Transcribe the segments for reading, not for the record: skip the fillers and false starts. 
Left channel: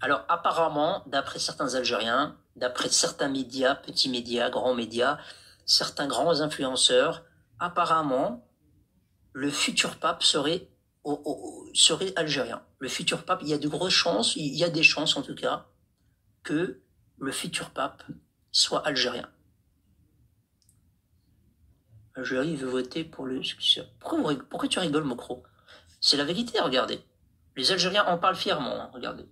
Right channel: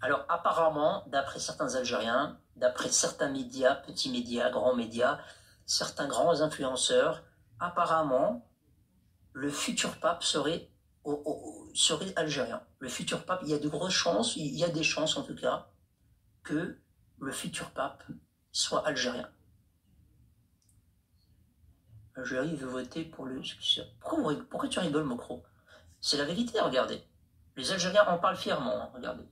Alors, apparemment, d'après certains Algériens, d'après certains médias, petits médias, grands médias, certains grands influenceurs, apparemment, le futur pape serait algérien. Le futur pape, il y a de grosses chances, il y a des chances en tout cas, que le futur pape soit algérien. Algérie veut voter pour le successeur. Pourquoi tu rigoles, Mokro? C'est la vérité, regardez. Les Algériens en parlent fièrement, hein, regardez.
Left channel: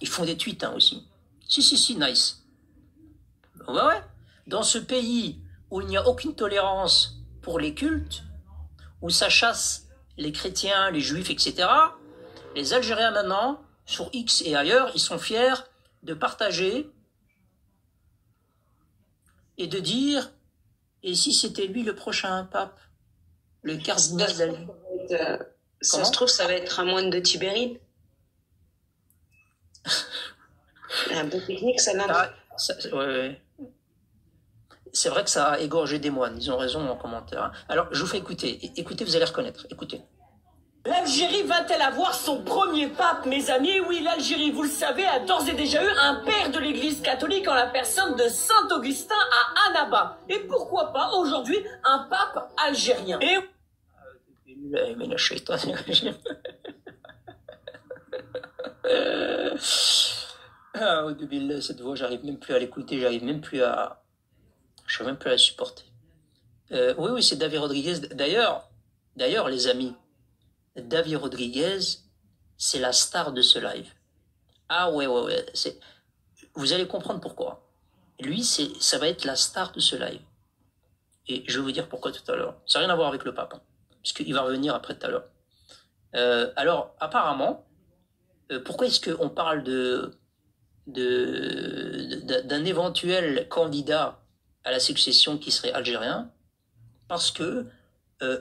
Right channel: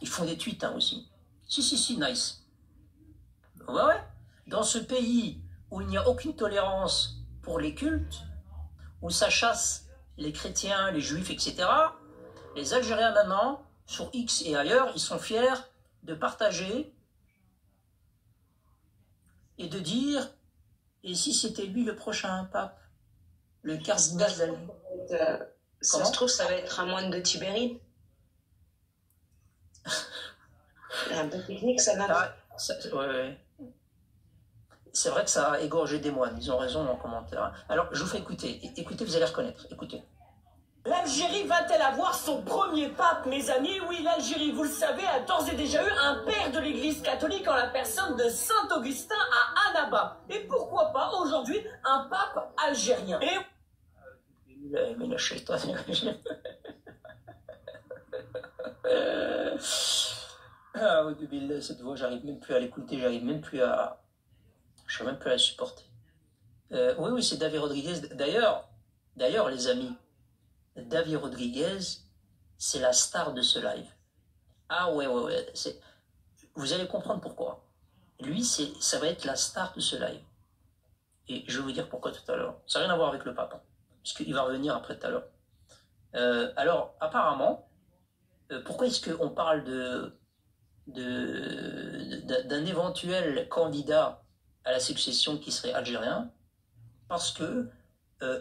Ils font des tweets hein, aussi. Si, nice. Ouais. Dans ce pays où il n'y a aucune tolérance pour les cultes, où ça chasse les chrétiens, les juifs, etc., les Algériens maintenant, sur X et ailleurs, ils sont fiers de partager et de dire et si c'était lui le prochain pape, le cardinal d'Alger. Ça se trouve, ça va être un moine de Tibérine. Un peu technique, ça n'a. Ouais. C'est vrai que ça a égorgé des moines, ils ont raison en commentaire. Alors, je vous fais écouter. Écoutez, vous allez reconnaître. Écoutez. L'Algérie va-t-elle avoir son premier pape, mes amis? Oui, l'Algérie, vous le savez, a d'ores et déjà eu un père de l'Église catholique en la personne de Saint Augustin à Annaba. Et pourquoi pas aujourd'hui un pape algérien? Et cette voix, j'arrive même plus à l'écouter, je suis même plus à la supporter. Oui, c'est David Rodriguez. D'ailleurs, les amis, David Rodriguez, c'est la star de ce live. Ah ouais. Vous allez comprendre pourquoi. Lui, ça va être la star de ce live. Et je vais vous dire pourquoi tout à l'heure. Ça n'a rien à voir avec le pape, hein, puisqu'il va revenir après tout à l'heure. Alors, apparemment, pourquoi est-ce qu'on parle d'un éventuel candidat à la succession qui serait algérien? Parce que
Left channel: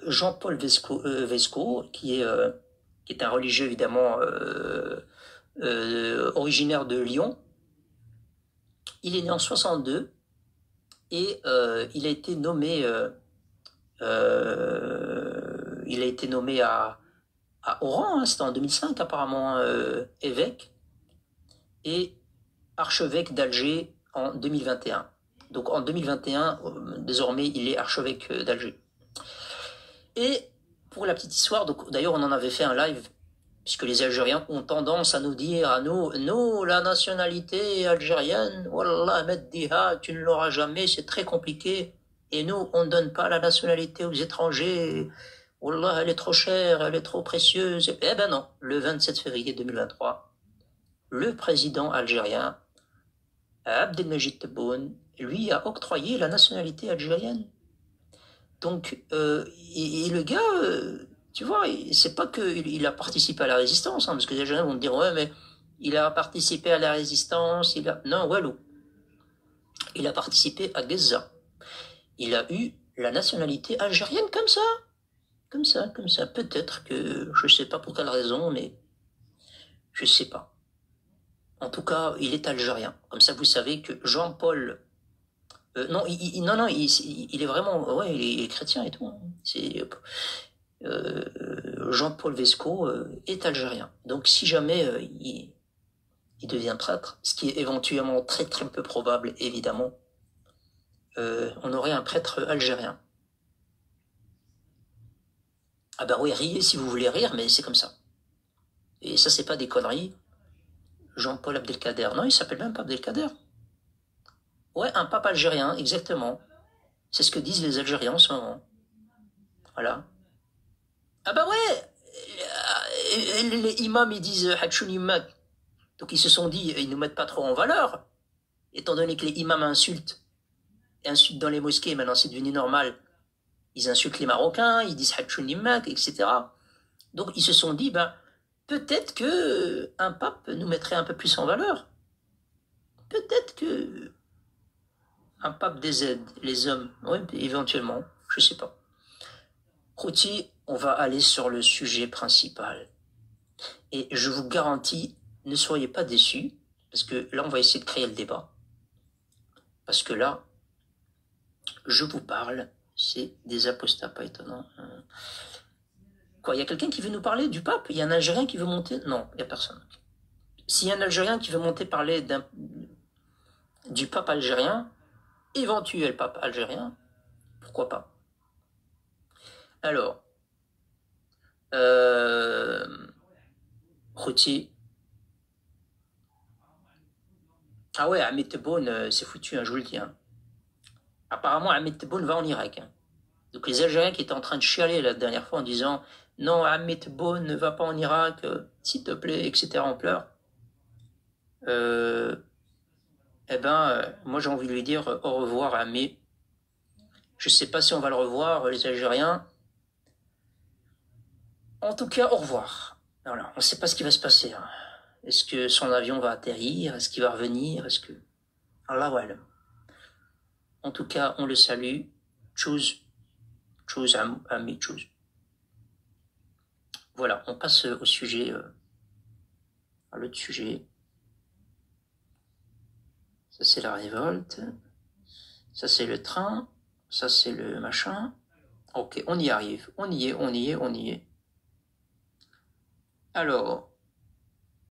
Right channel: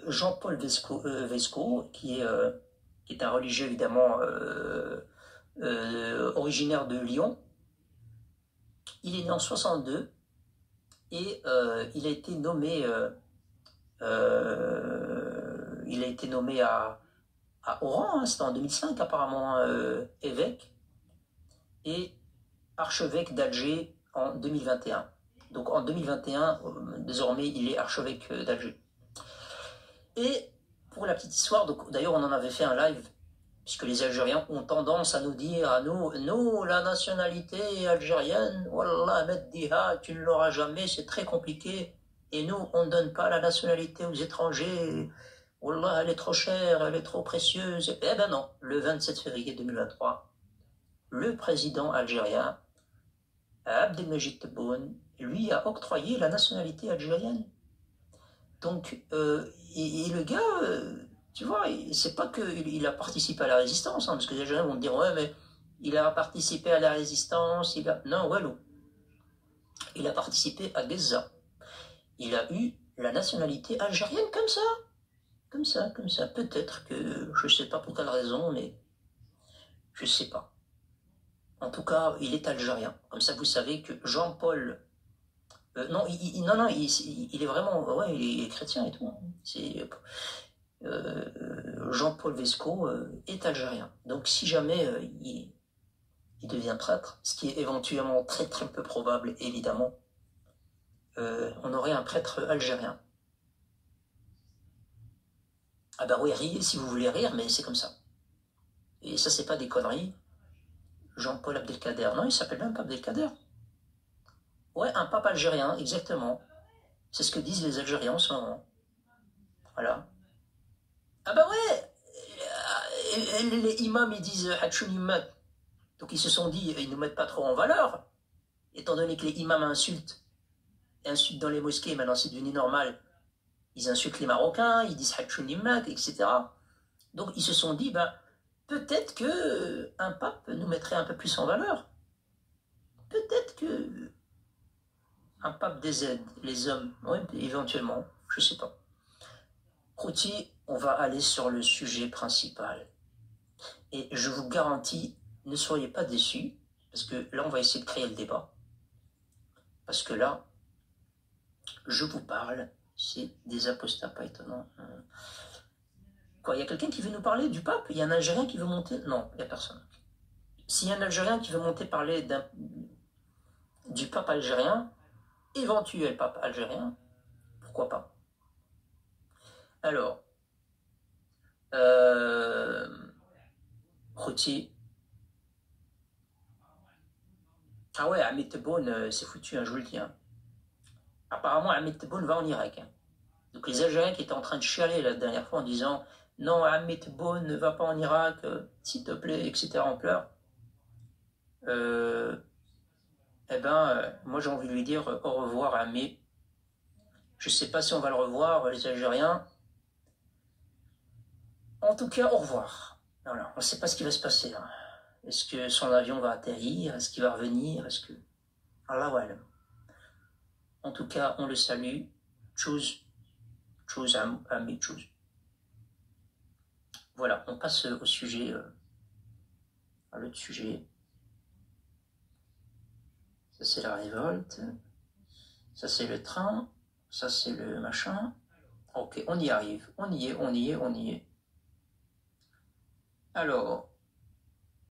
Jean-Paul Vesco, qui est un religieux évidemment originaire de Lyon, il est né en 62 et il a été nommé à Oran, hein, c'était en 2005 apparemment, évêque, et archevêque d'Alger en 2021. Donc en 2021, désormais, il est archevêque d'Alger. Et pour la petite histoire, d'ailleurs on en avait fait un live, puisque les Algériens ont tendance à nous dire à nous, la nationalité algérienne, wallah, Meddiha, tu ne l'auras jamais, c'est très compliqué. Et nous, on ne donne pas la nationalité aux étrangers. Wallah, elle est trop chère, elle est trop précieuse. Eh ben non, le 27 février 2023, le président algérien, Abdelmajid Tebboune, lui a octroyé la nationalité algérienne. Donc, et le gars, tu vois, c'est pas qu'il a participé à la résistance, hein, parce que les gens vont me dire, ouais, mais il a participé à la résistance, Non, walou. Il a participé à Gaza. Il a eu la nationalité algérienne comme ça. Peut-être que, je sais pas pour quelle raison, mais je sais pas. En tout cas, il est algérien. Comme ça, vous savez que Jean-Paul... non, il est vraiment... Ouais, il est chrétien et tout. Hein. C'est... Jean-Paul Vesco est algérien. Donc si jamais il devient prêtre, ce qui est éventuellement très très peu probable, évidemment, on aurait un prêtre algérien. Ah bah oui, riez si vous voulez rire, mais c'est comme ça. Et ça, c'est pas des conneries. Jean-Paul Abdelkader. Non, il s'appelle même pas Abdelkader. Ouais, un pape algérien, exactement. C'est ce que disent les Algériens en ce moment. Voilà. Ah bah ouais, les imams, ils disent Hatchoun imam. Donc ils se sont dit, ils ne nous mettent pas trop en valeur, étant donné que les imams insultent dans les mosquées, maintenant c'est devenu normal. Ils insultent les Marocains, ils disent Hatchoun imam, etc. Donc ils se sont dit, ben, peut-être que un pape nous mettrait un peu plus en valeur. Peut-être que un pape des aides, les hommes, oui, éventuellement, je sais pas. Routi, on va aller sur le sujet principal. Et je vous garantis, ne soyez pas déçus, parce que là, on va essayer de créer le débat. Parce que là, je vous parle, c'est des apostats, pas étonnant. Quoi, il y a quelqu'un qui veut nous parler du pape? Il y a un Algérien qui veut monter? Non, il n'y a personne. S'il y a un Algérien qui veut monter parler du pape algérien, éventuel pape algérien, pourquoi pas? Alors, Routier. Ah ouais, Ahmed Tebboune, c'est foutu, hein, je vous le dis. Hein. Apparemment, Ahmed Tebboune va en Irak. Hein. Donc les Algériens qui étaient en train de chialer la dernière fois en disant « Non, Ahmed Tebboune ne va pas en Irak, s'il te plaît, etc. » en pleurs. Moi j'ai envie de lui dire au revoir Ahmed. Je sais pas si on va le revoir, les Algériens. En tout cas, au revoir. Voilà, on ne sait pas ce qui va se passer. Hein. Est-ce que son avion va atterrir? Est-ce qu'il va revenir? Est-ce que... Allah voilà. En tout cas, on le salue. Choose Ahmed, choose. Voilà, on passe au sujet, à l'autre sujet. Ça, c'est la révolte. Ça, c'est le train. Ça, c'est le machin. Ok, on y arrive. On y est. Alors,